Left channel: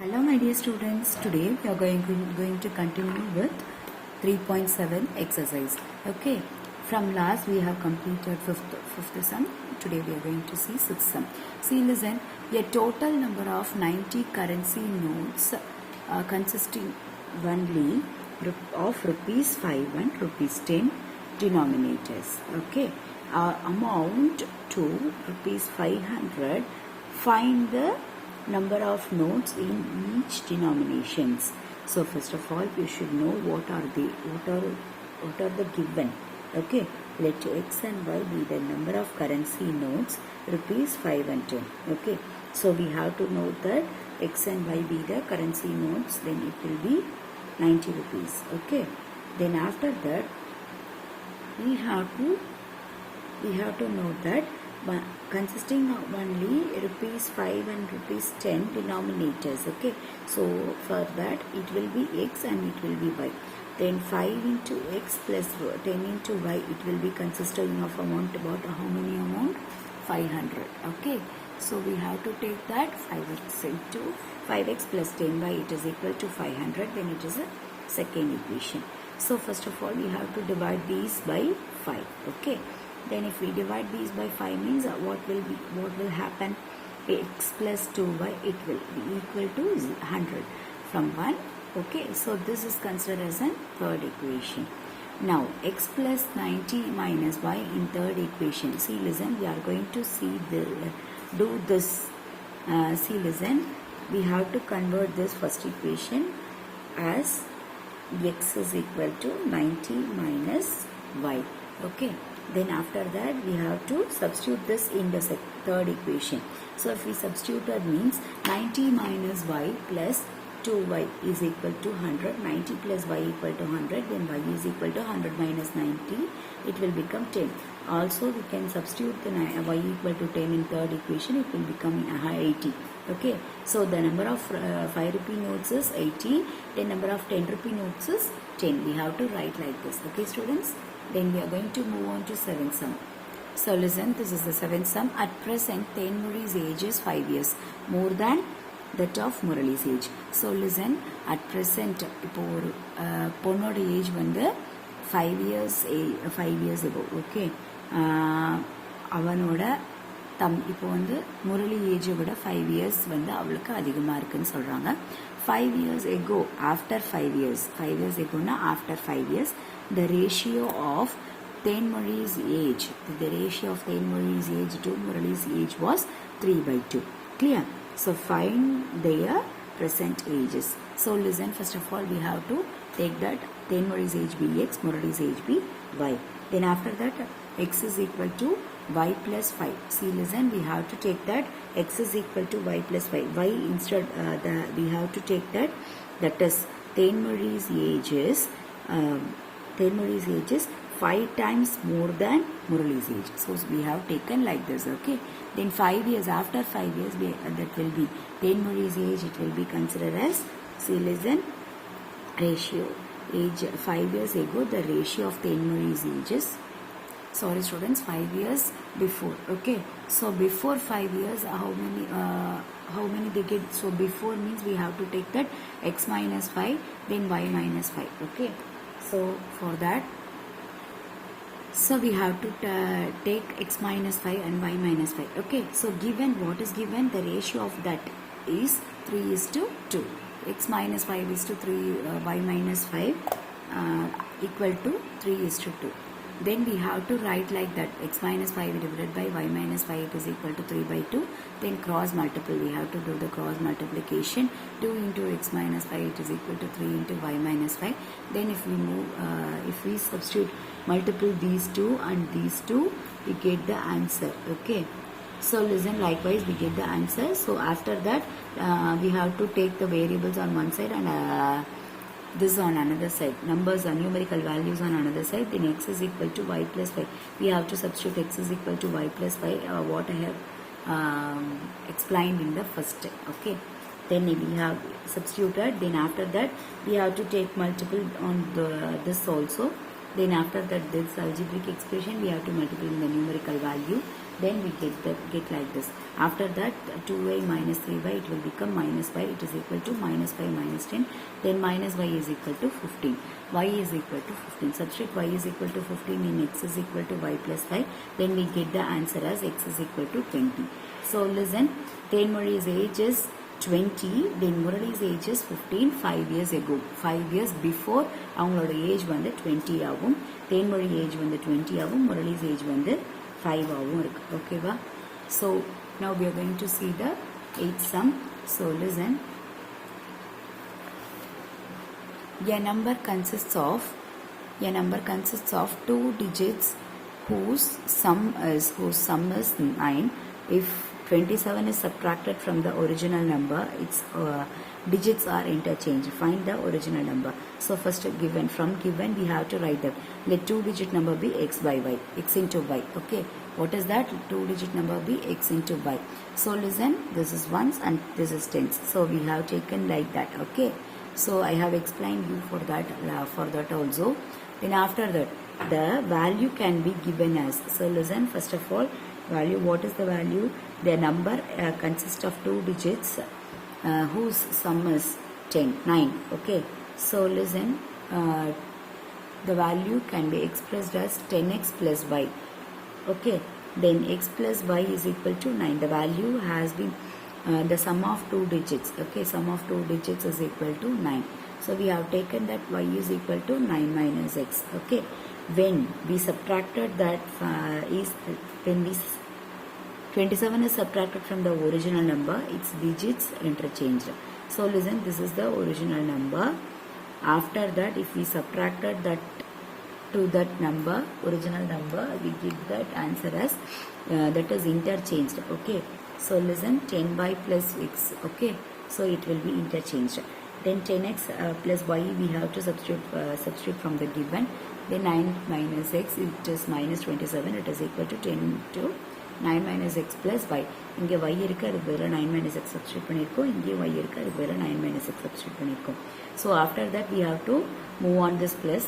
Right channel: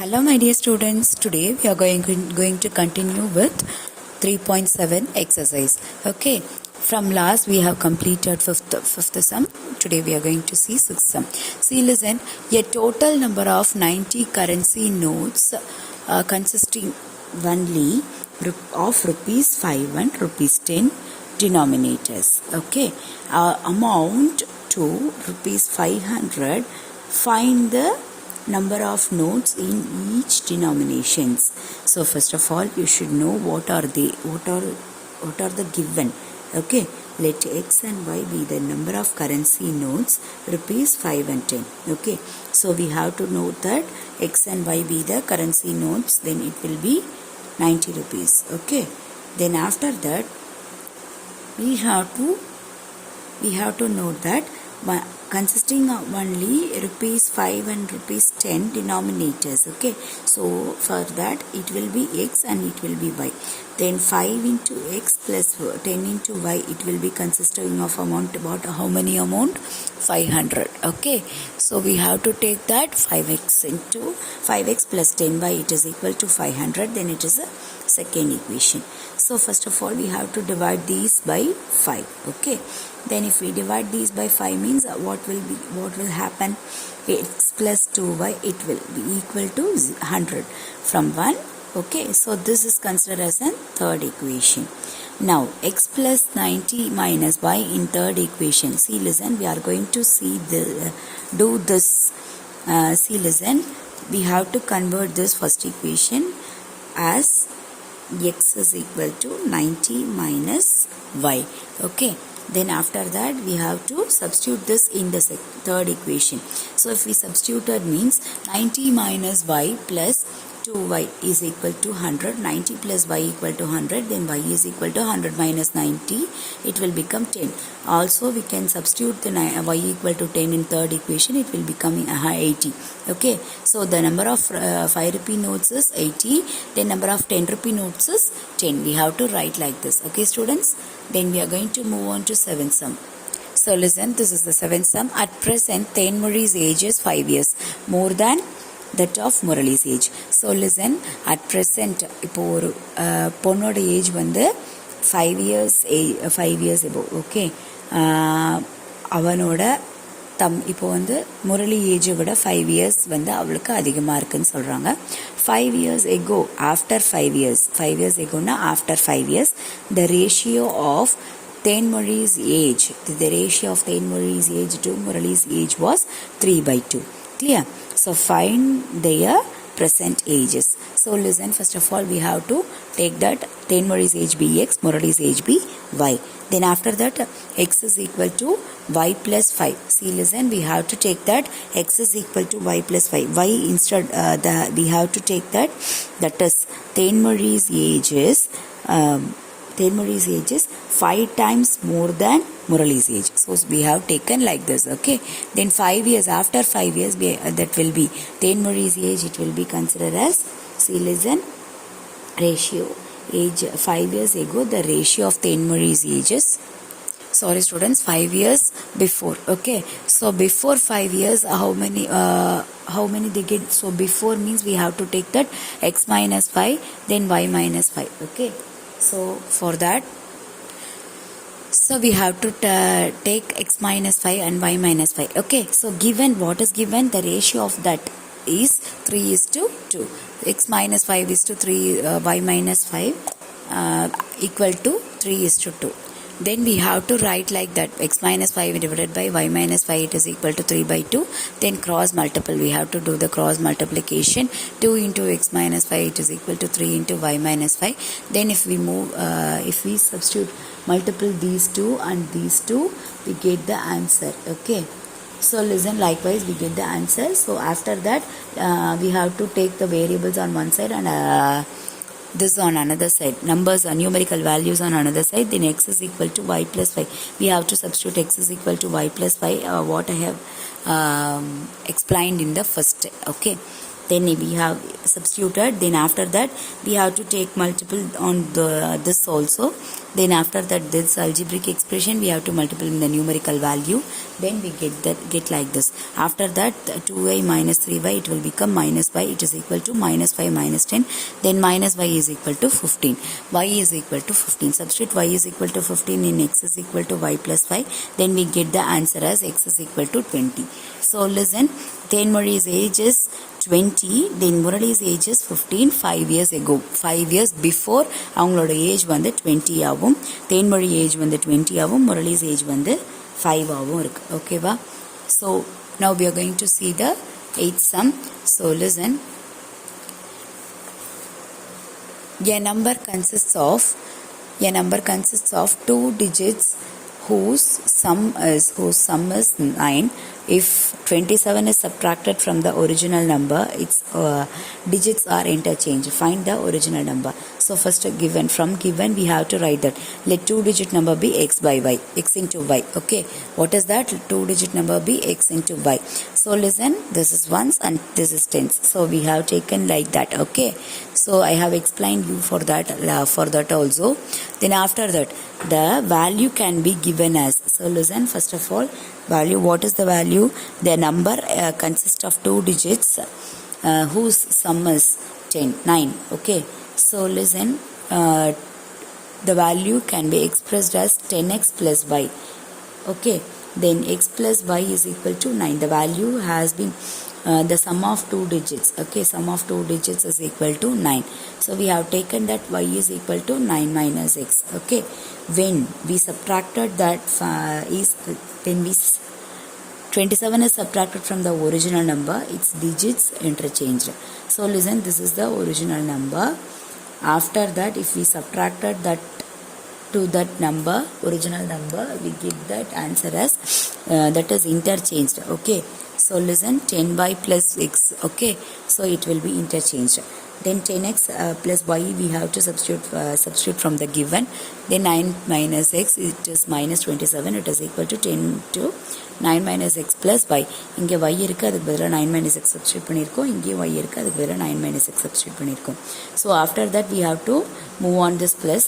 Hello my dear students, today we are going to continue with 3.7 exercise. Okay, from last we have completed fifth sum. Today we are going to see sixth sum. See, listen, a total number of 90 currency notes consisting only of rupees 5 and rupees 10 denominators. Okay, amount to rupees 500. Find the number of notes in each denominations. So first of all you should know what are the given. Okay, let x and y be the number of currency notes rupees 5 and 10. Okay, so we have to note that x and y be the currency notes, then it will be 90 rupees. Okay, then after that we have to note that consisting of only rupees 5 and rupees 10 denominators. Okay, so for that it will be x and it will be y. Then 5 into x plus 10 into y, it will be consisting of amount about how many amount? 500. Okay, so we have to take that 5x into 5x plus 10y, it is equal to 500. Then it is a second equation. So first of all we have to divide these by 5. Okay, then if we divide these by 5 means what will happen? X plus 2y, it will be equal to 100 from 1. Okay, so this is considered as a third equation. Now x plus 90 minus y in third equation. See, listen, we are going to do this. See, listen, we have to convert this first equation as x is equal to 90 minus y. Okay, then after that we have to substitute this in the third equation. So if we substituted means 90 minus y plus 2y is equal to 100. 90 plus y equal to 100. Then y is equal to 100 minus 90. It will become 10. Also we can substitute the y equal to 10 in third equation. It will become 80. Okay. So the number of 5 rupee notes is 80. The number of 10 rupee notes is 10. We have to write like this. Okay, students. Then we are going to move on to seventh sum. So listen, this is the seventh sum. At present, Tenmuri's age is 5 years. More than that of Murali's age. So listen, at present இப்போ ஒரு பொண்ணோட age வந்து 5 years above. Okay, அவனோட இப்போ வந்து முரளி ஏஜை விட 5 years வந்து அவளுக்கு அதிகமாக இருக்குன்னு சொல்கிறாங்க. 5 years ago, after 5 years, 5 years agoனா after 5 years, the ratio of Tenmuri's age, the ratio of Tenmuri's age to Murali's age was 3/2. Clear? So find their present ages. So listen, first of all we have to take that Tenmuri's age be x, Murali's age be y. Then after that x is equal to y plus 5. See, listen, we have to take that x is equal to y plus 5. Y instead we have to take that is Tenmuri's age is 5 times more than Murali's age. So we have taken like this. Okay, then 5 years, after 5 years that will be Tenmuri's age, it will be considered as, see, listen, ratio age 5 years ago, the ratio of Tenmuri's ages, sorry students, 5 years before. Okay, so before 5 years how many they get? So before means we have to take that x minus 5, then y minus 5. Okay, so for that, so we have to take x minus 5 and y minus 5. Okay, so given, what is given? The ratio of that is 3:2. X minus 5 is to 3, y minus 5 equal to 3:2. Then we have to write like that, x minus 5 divided by y minus 5, it is equal to 3/2. Then cross multiple, we have to do the cross multiplication. 2 into x minus 5, it is equal to 3 into y minus 5. Then if we substitute, multiple these two and these two, we get the answer. Okay, so listen, likewise we get the answer. So after that we have to take the variables on one side and this on another side, numbers or numerical values on another side. Then x is equal to y plus 5. We have to substitute x is equal to y plus 5, what I have explained in the first. Okay, then we have substituted, then after that we have to take multiple on this also, then after that this algebraic expression we have to multiply in the numerical value, then we get like this. After that 2y minus 3y, it will become minus y, it is equal to minus 5 minus 10, then minus y is equal to 15, y is equal to 15. Substitute y is equal to 15 in x is equal to y plus 5, then we get the answer as x is equal to 20. So listen, Thenmozhi's age is 20, then Murali's age is 15, 5 years ago. 5 years before அவங்களோட age வந்து 20 ஆகும். Thenmozhi age வந்து 20 ஆகும். Murali's age வந்து 5 ஆகும் இருக்கு. ஓகேவா? So now we are going to see the 8th sum. So listen. A number consists of 2 digits whose sum is 9. If 27 is subtracted from the original number, its digits are interchanged. Find the original number. So first from given we have to write that let 2-digit number be x by y, x into y. Okay, what is that? 2-digit number be x into y. So listen, this is ones and this is tens. So we have taken like that. Okay, so I have explained you for that also. Then after that the value can be given as, so listen, first of all, value, what is the value? The number consists of 2 digits whose sum is 9. Okay, so listen, the value can be expressed as 10x plus y. Okay, then x plus y is equal to 9. The value has been the sum of 2 digits. Okay, sum of 2 digits is equal to 9. So we have taken that y is equal to 9 minus x. Okay, when we subtracted that 27 is subtracted from the original number, its digits interchanged. So listen, this is the original number. After that, if we subtracted that to that number, original number, we give that answer as that is interchanged. Okay, so listen, 10y plus x. Okay, so it will be interchanged. Then 10x plus y we have to substitute from the given. Then 9 minus x, it is minus 27, it is equal to 10 to 9 minus x plus y. இங்கே y இருக்கு, அதுக்கு பதிலாக 9 minus x substitute பண்ணியிருக்கோம். இங்கே y இருக்கு, அதுக்கு பதிலாக 9 minus x substitute பண்ணியிருக்கோம். So after that we have to move on this plus,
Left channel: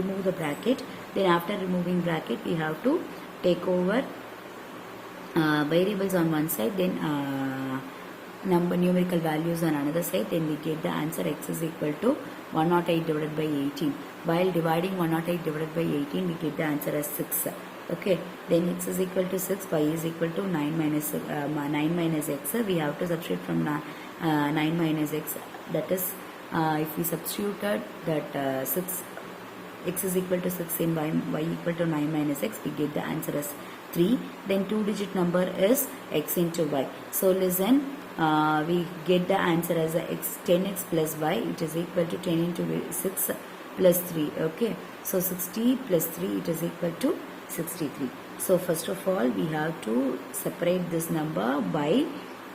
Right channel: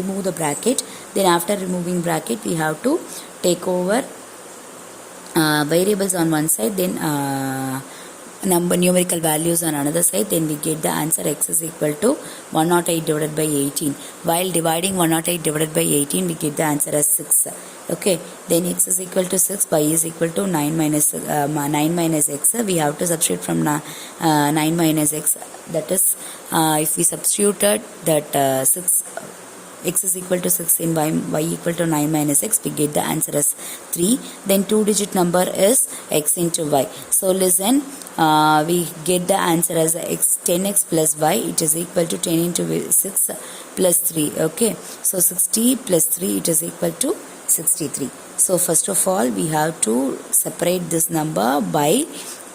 remove the bracket. Then after removing bracket we have to take over variables on one side, then numerical values on another side, then we get the answer x is equal to 108 divided by 18. While dividing 108 divided by 18, we get the answer as 6. Okay, then x is equal to 6, y is equal to 9 minus x. We have to substitute from 9 minus x. That is, if we substituted that 6, x is equal to 6 in y equal to 9 minus x, we get the answer as 3. Then 2-digit number is x into y. So listen, we get the answer as 10x plus y, it is equal to 10 into 6 plus 3. Okay, so 60 plus 3, it is equal to 63. So first of all we have to separate this number by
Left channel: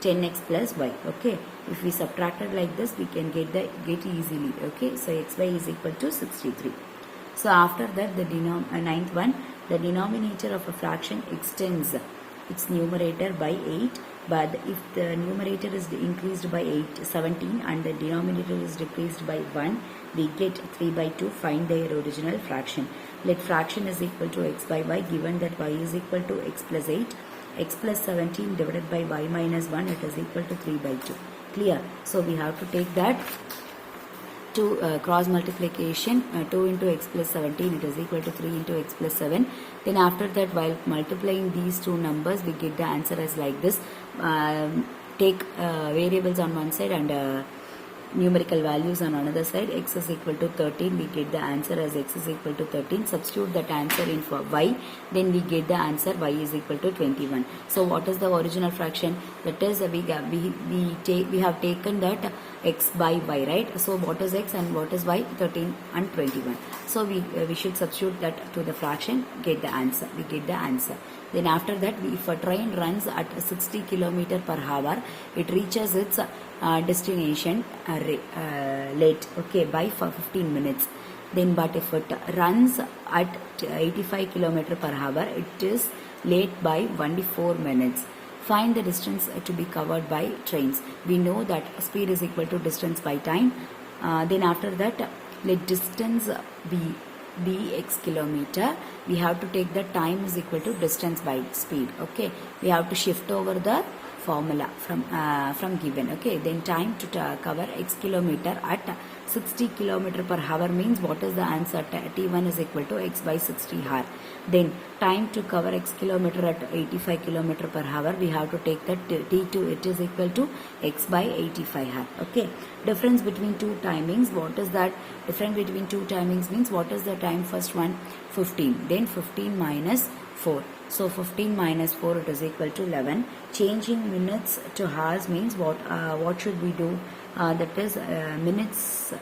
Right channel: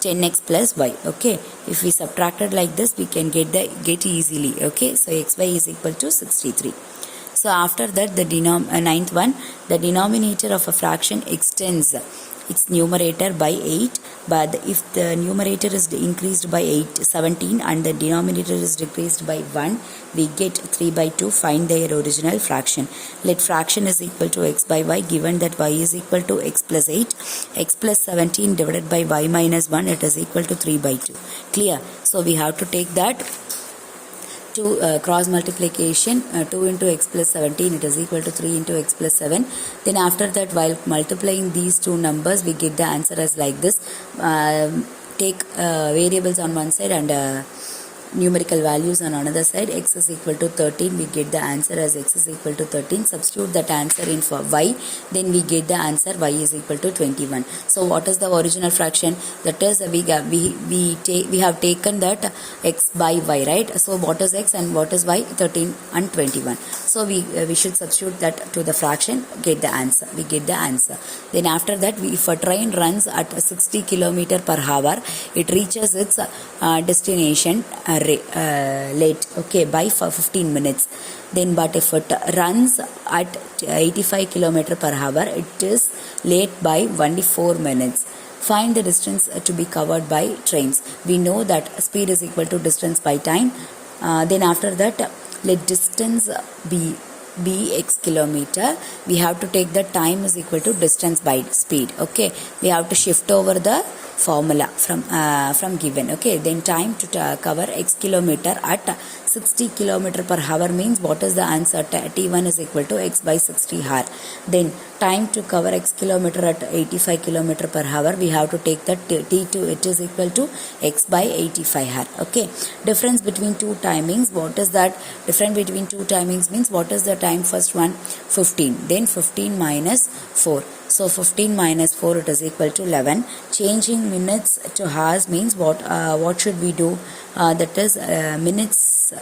10x plus y. Okay, if we subtracted like this, we can get easily. Okay, so xy is equal to 63. So after that the ninth one, the denominator of a fraction extends its numerator by 8, but if the numerator is increased by 17 and the denominator is decreased by 1, we get 3 by 2. Find their original fraction. Let fraction is equal to x by y, given that y is equal to x plus 8, x plus 17 divided by y minus 1, it is equal to 3 by 2. Clear? So we have to take that to cross multiplication, 2 into x plus 17, it is equal to 3 into x plus 7. Then after that, while multiplying these two numbers, we get the answer as like this. Take variables on one side and numerical values on another side. X is equal to 13, we get the answer as x is equal to 13. Substitute that answer in for y, then we get the answer y is equal to 21. So what is the original fraction? That is, we have taken that x by y, right? So what is x and what is y? 13 and 21. So we should substitute that to the fraction, get the answer. We get the answer. Then after that, if a train runs at 60 km per hour, it reaches its destination late, okay, by 15 minutes. Then but if it runs at 85 km per hour, it is late by 24 minutes. Find the distance to be covered by trains. We know that speed is equal to distance by time. Then after that, let distance be x kilometer. We have to take the time is equal to distance by speed. Okay, we have to shift over the formula from given. Okay, then time to cover x kilometer at 60 kilometer per hour means what is the answer? T1 is equal to x by 60 hour. Then time to cover x kilometer at 85 kilometer per hour, we have to take that T2, it is equal to x by 85 hour. Okay, difference between two timings, what is that? Difference between two timings means what is the time? First one 15, then 15 minus 4. So 15 minus 4, it is equal to 11. Changing minutes to hours means what should we do? That is minutes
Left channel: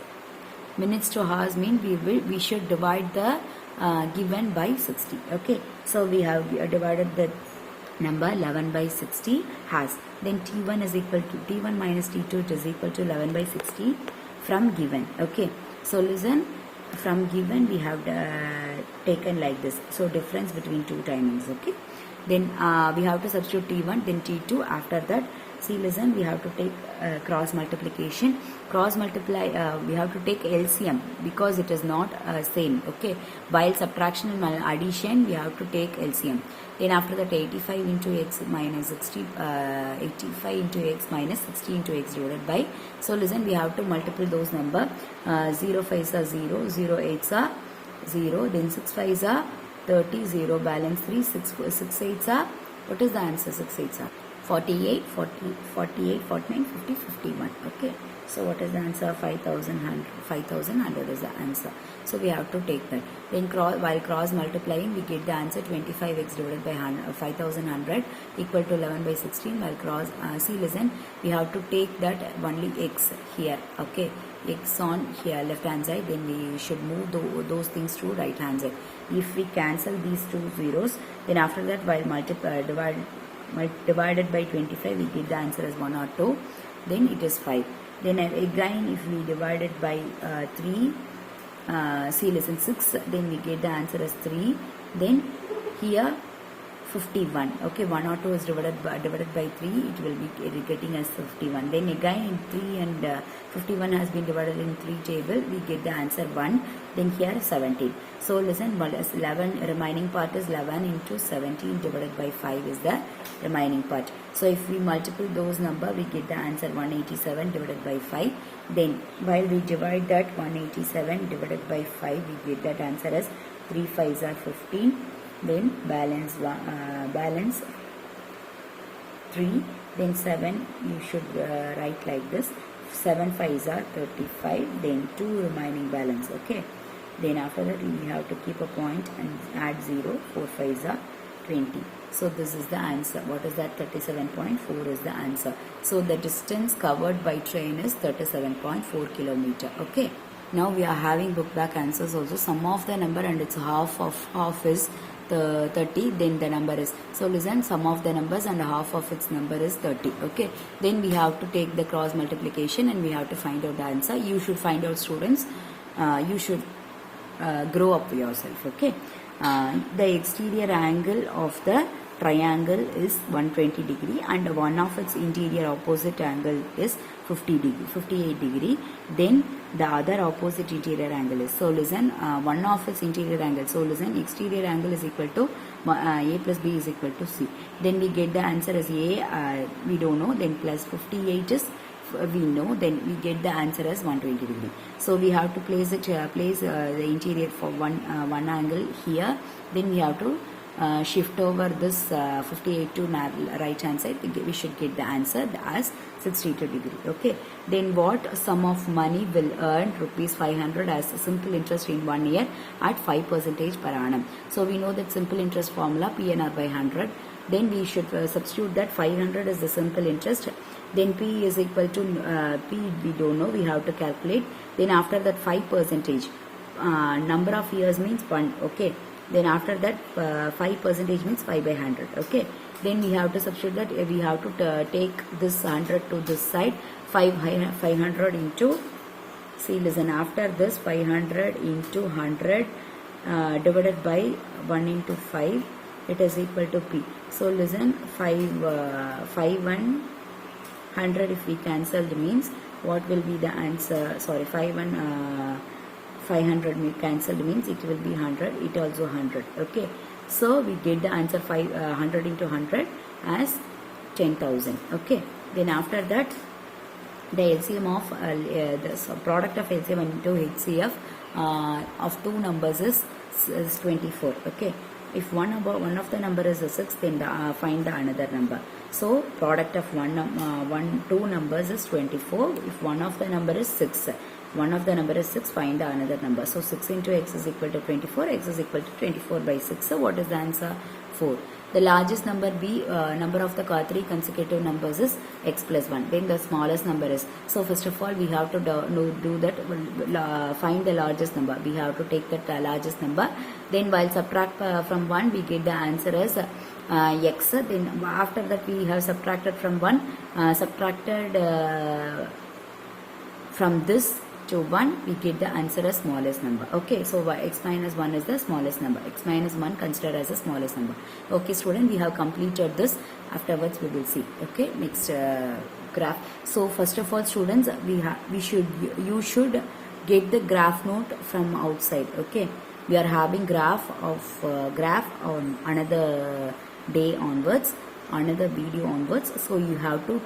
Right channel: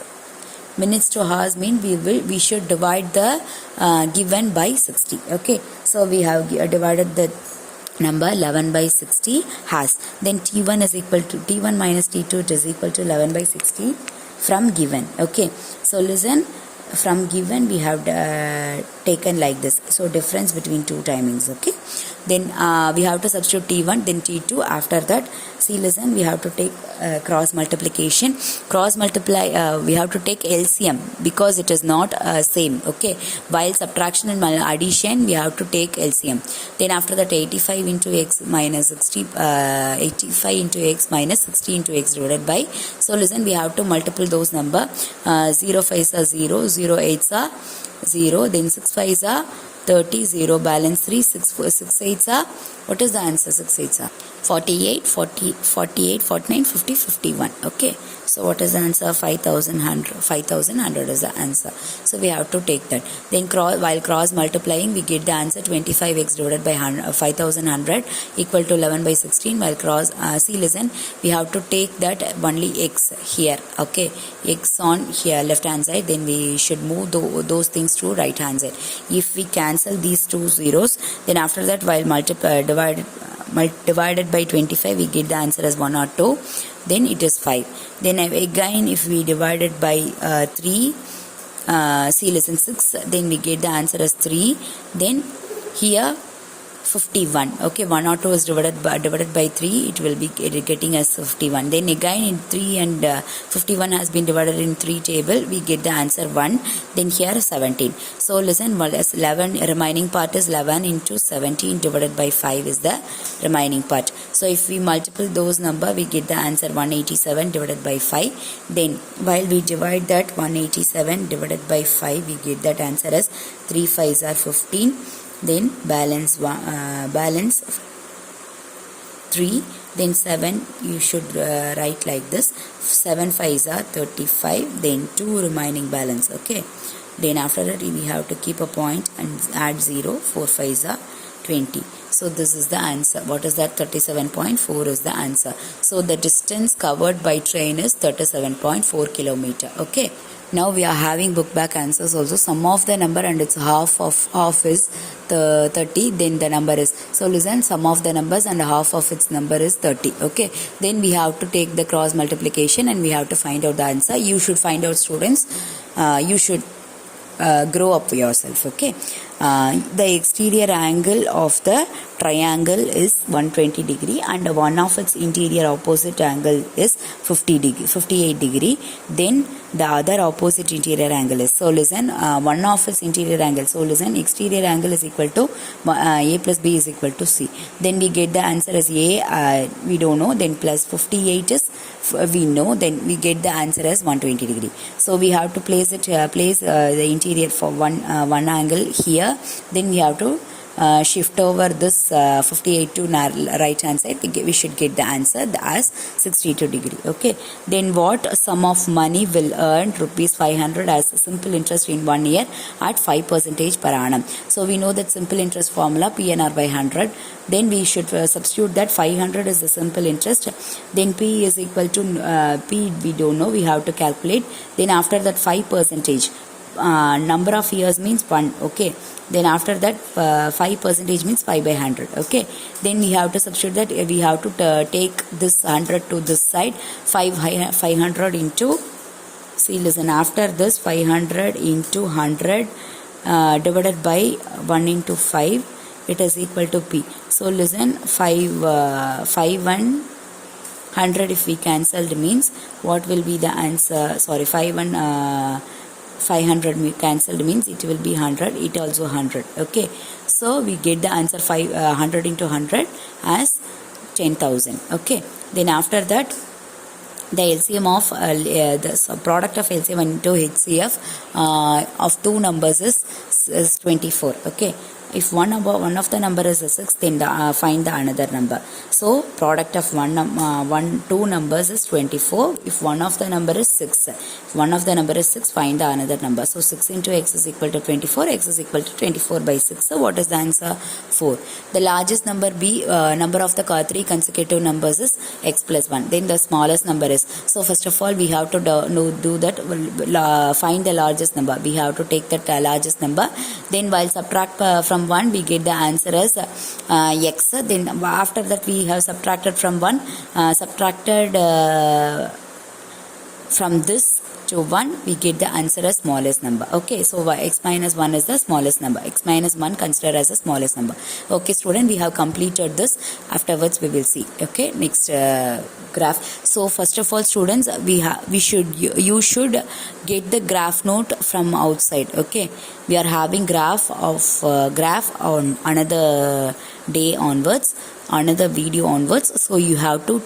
to hours mean we should divide the given by 60. Okay, so we have divided the number 11 by 60 hours. Then T1 is equal to T1 minus T2, it is equal to 11 by 60 from given. Okay, so listen, from given we have taken like this. So difference between two timings. Okay, then we have to substitute T1, then T2. After that, see, listen, we have to take cross multiplication. Cross multiply, we have to take LCM because it is not same. Okay, while subtraction and addition we have to take LCM. Then after that, 85 into x minus 60, 85 into x minus 60 into x divided by. So listen, we have to multiple those number. 0 5s are 0, 0 8s are 0, then 6 5s are 30, 0 balance 3, 6 8s are, what is the answer? 6 8s are 48, 49, 50, 51. Okay, so what is the answer? 5100 is the answer. So we have to take that. Then while cross multiplying, we get the answer 25x divided by 5100 equal to 11 by 16. While cross, see, listen, we have to take that only x here. Okay, x on here left hand side, then we should move those things to right hand side. If we cancel these two zeros, then after that, while divided by 25, we get the answer as 1 or 2. Then it is 5. Then again, if we divide it by 3, see, listen, 6, then we get the answer as 3. Then here 51. Okay, 1 or 2 is divided by 3, it will be getting as 51. Then again in 3 and 51 has been divided in 3 table, we get the answer 1. Then here 17. So listen, well, as 11 remaining part is 11 into 17 divided by 5 is the remaining part. So if we multiple those number, we get the answer 187 divided by 5. Then while we divide that 187 divided by 5, we get that answer as 3 5s are 15. Then balance 3, then 7 you should write like this, 7 5s are 35, then 2 remaining balance. Okay, then after that we have to keep a point and add 0, 4 5s are 20. So this is the answer. What is that? 37.4 is the answer. So the distance covered by train is 37.4 kilometer. Okay, now we are having book back answers also. Sum of the number and its half is the 30, then the number is, so listen, sum of the numbers and half of its number is 30. Okay, then we have to take the cross multiplication and we have to find out the answer. You should find out, students, you should grow up yourself. Okay, the exterior angle of the triangle is 120 degree and one of its interior opposite angle is 58 degree. Then the other opposite interior angle is, so listen, one of its interior angle, so listen, exterior angle is equal to a plus b is equal to c. Then we get the answer as a, we don't know, then plus 58 is we know, then we get the answer as 120 degree. So we have to place it the interior for one angle here. Then we have to shift over this 58 to right hand side. We should get the answer as 62 degree. Okay, then what sum of money will earn rupees 500 as simple interest in 1 year at 5% per annum? So we know that simple interest formula PNR by 100. Then we should substitute that 500 is the simple interest. Then P is equal to P we don't know, we have to calculate. Then after that 5%, number of years means 1. Okay, then after that 5% means 5 by 100. Okay, then we have to substitute that, we have to take this 100 to this side, 500 into, see, listen, after this 500 into 100 divided by 1 into 5, it is equal to P. So listen, 5 100 if we cancelled means what will be the answer? Sorry, 500 cancelled means it will be 100. It also 100. Okay, so we get the answer 100 into 100 as 10,000. Okay, then after that the LCM of the product of LCM into HCF of two numbers is 24. Okay, if one of the number is a 6, then find the another number. So product of two numbers is 24. If one of the number is 6, if one of the number is 6, find the another number. So 6 into x is equal to 24. X is equal to 24 by 6. So what is the answer? 4. The largest number number of the three consecutive numbers is x plus 1. Then the smallest number is. So first of all we have to do that. Find the largest number. We have to take that largest number. Then while subtract from 1, we get the answer as x. Then after that we have subtracted from 1, from this to 1, we get the answer as smallest number. Okay, so x minus 1 is the smallest number. X minus 1 considered as the smallest number. Okay student, we have completed this. Afterwards we will see. Okay, next graph. So first of all students, you should get the graph note from outside. Okay, we are having graph on another day onwards, another video onwards. So you have to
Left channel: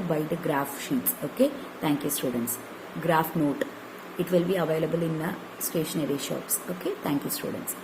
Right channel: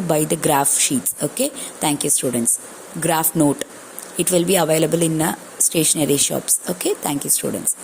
buy the graph sheets. Okay, thank you students. Graph note, it will be available in stationery shops. Okay, thank you students.